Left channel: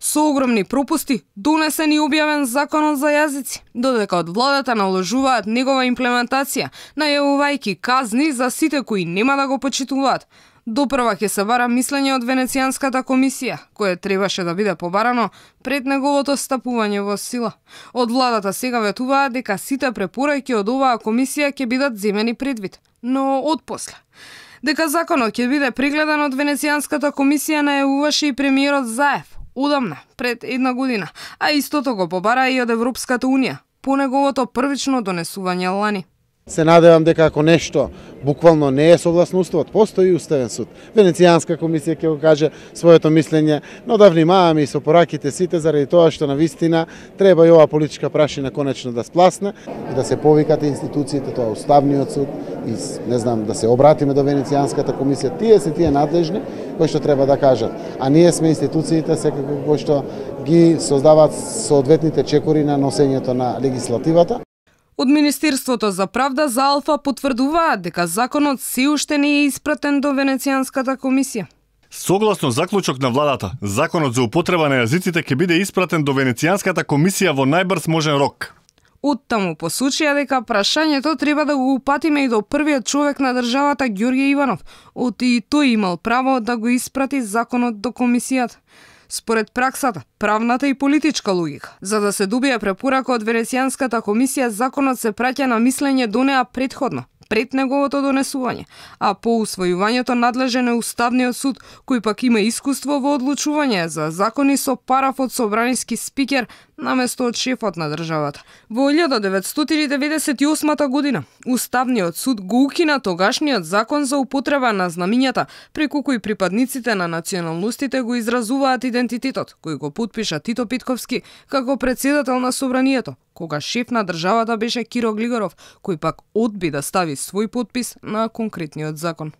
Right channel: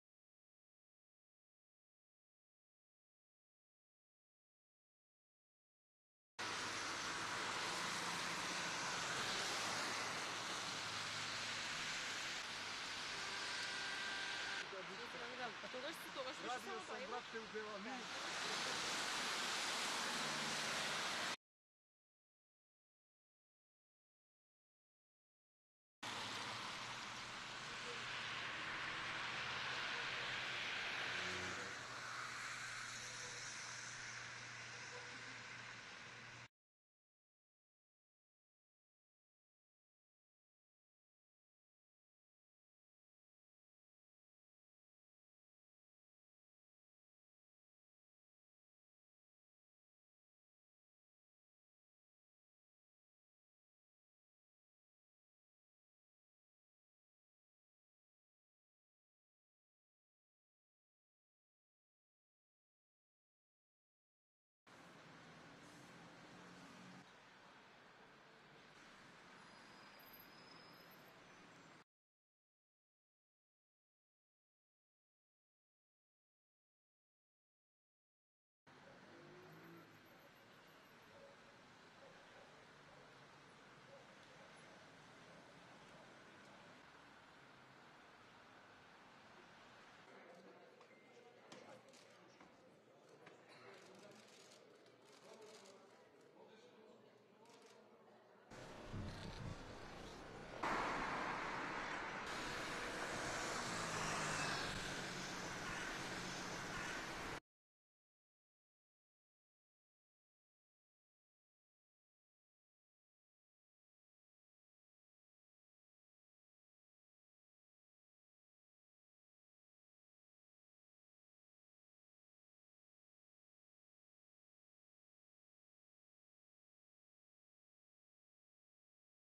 Со огромни пропусти, донесен и објавен законот за јазици, додека од владата наложуваат негова имплементација, најавувајќи казни за сите кои нема да го почитуваат. Допрва ќе се бара мислење од Венецијанската комисија, кое требаше да биде побарано пред неговото стапување во сила. Од владата сега ветуваат дека сите препораки од оваа комисија ќе бидат земени предвид, но отпосле. Дека законот ќе биде прегледан од Венецијанската комисија најавуваше и премиерот Заев одамна, пред една година, а истото го побара и од Европската унија по неговото првично донесување лани. Се надевам дека ако нешто буквално не е согласно уставот, постои уставен суд. Венецијанска комисија ќе го каже своето мислење, но да внимаваме и со пораките сите заради тоа што на вистина треба и оваа политичка прашина конечно да спласне и да се повикат институциите, тоа уставниот суд и не знам да се обратиме до Венецијанската комисија. Тие се тие надлежни кои што треба да кажат, а ние сме институциите секако кои што ги создаваат соодветните чекори на носењето на легислативата. Од Министерството за правда за Алфа потврдуваат дека законот се уште не е испратен до Венецијанската комисија. Согласно заклучок на владата, законот за употреба на јазиците ќе биде испратен до Венецијанската комисија во најбрз можен рок. Оттаму посочија дека прашањето треба да го упатиме и до првиот човек на државата Ѓорѓе Иванов, оти и тој имал право да го испрати законот до комисијата. Според праксата, правната и политичка логика, за да се добие препорака од Венецијанската комисија, законот се праќа на мислење до неа предходно, пред неговото донесување, а по усвојувањето надлежен е Уставниот суд, кој пак има искуство во одлучување за закони со параф од собраниски спикер наместо од шефот на државата. Во 1998 година Уставниот суд го укина тогашниот закон за употреба на знамињата, преку кој припадниците на националностите го изразуваат идентитетот, кој го потпиша Тито Питковски како претседател на собранието, кога шеф на државата беше Киро Глигоров, кој пак одби да стави свој потпис на конкретниот закон.